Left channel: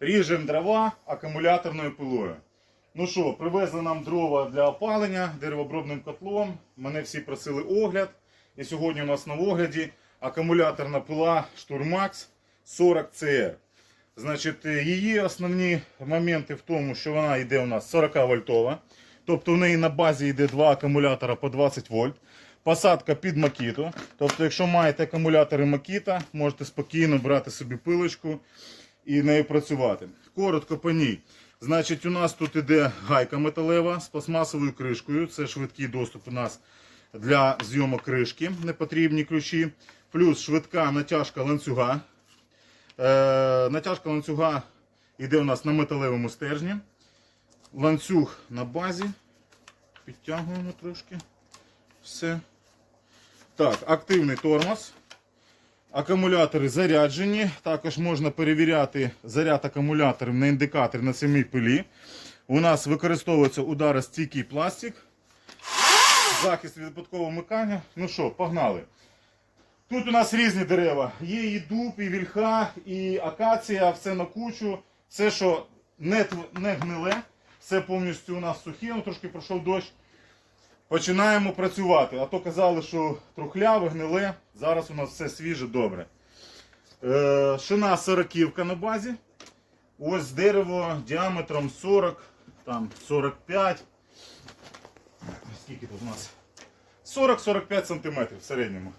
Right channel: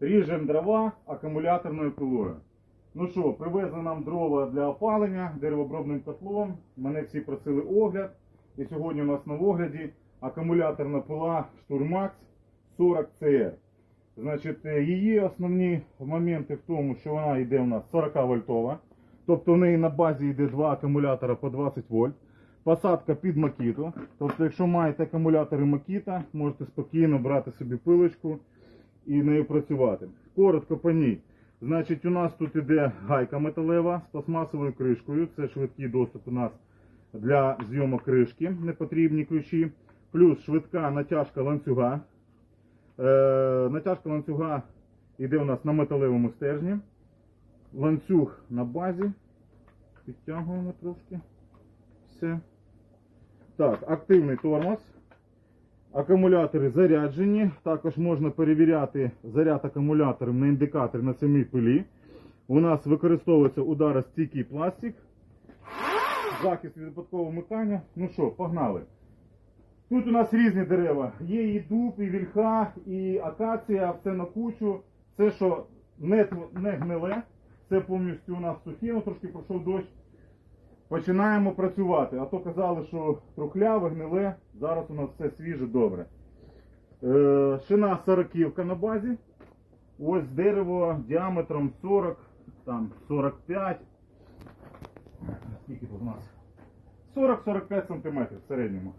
Ріжемо дрова акумуляторною пилою. Ну що, привезли нам дрова для опалення деревообробним котлом. Мене всі просили огляд. І сьогодні у нас на огляді акумуляторна пила Штурмакс 40 CR. Значить, е, її основні моменти в тому, що вона йде у нас 40 вольтова. Тобто в неї на базі йде два акумулятора по 20 вольт. Посадка під макіту. Тобто, якщо маєте акумулятори макіта, можете спокійно брати собі пилочку і нею працювати. Коротко по ній. Значить, у нас тут іде гайка металева з пластмасовою кришкою. Це швидкий доступ у нас для зйомок кришки, непотрібні ключі. Плюс швидка натяжка ланцюга. Е, натяжка ланцюга йде у нас на металевому стержні. Ланцюг на базі. Підтягуємо трошки. Все. Так, активний тормоз. Акумулятори заряджені. Також можна перевіряти заряд акумуляторів на індикаторі на самій пилі. У нас використовується ударостійкий пластик. Захист від випадкового вмикання. Ну що, погнали. Тут у нас різні дерева. Є і дуб, і вільха, і акація, все на кучу. Все, що не, не гниле, все повністю у нас сухе, ну, трошки пройшов дощ. Починаємо працювати. А то казали, що трухляве, гниле. Зараз у нас все свіже, добре. Е, шина 40 на базі. Ось дерево діаметром 40, там 45. Скільки тут у нас? 40-45 см в середньому.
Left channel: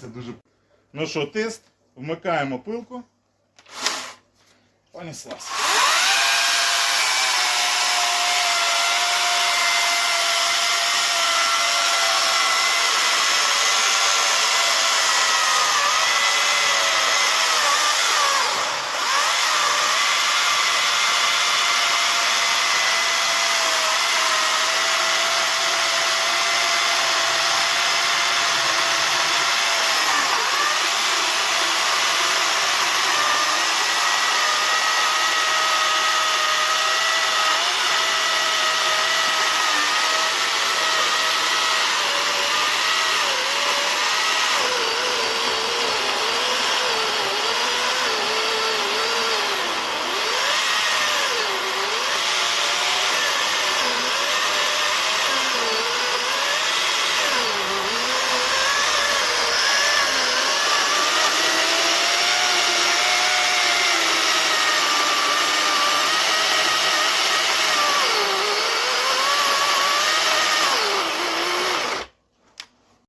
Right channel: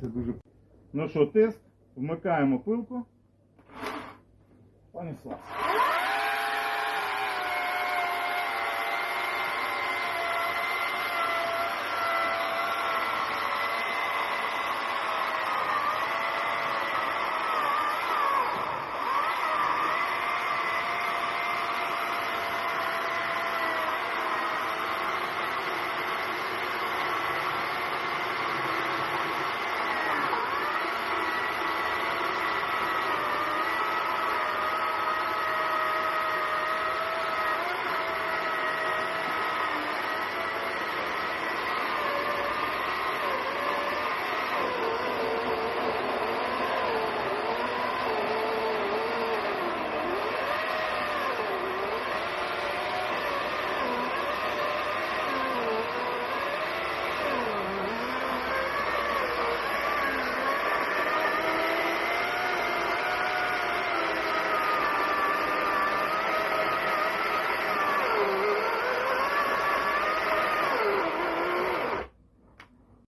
Це дуже. Ну що, тест. Вмикаємо пилку. Понеслась.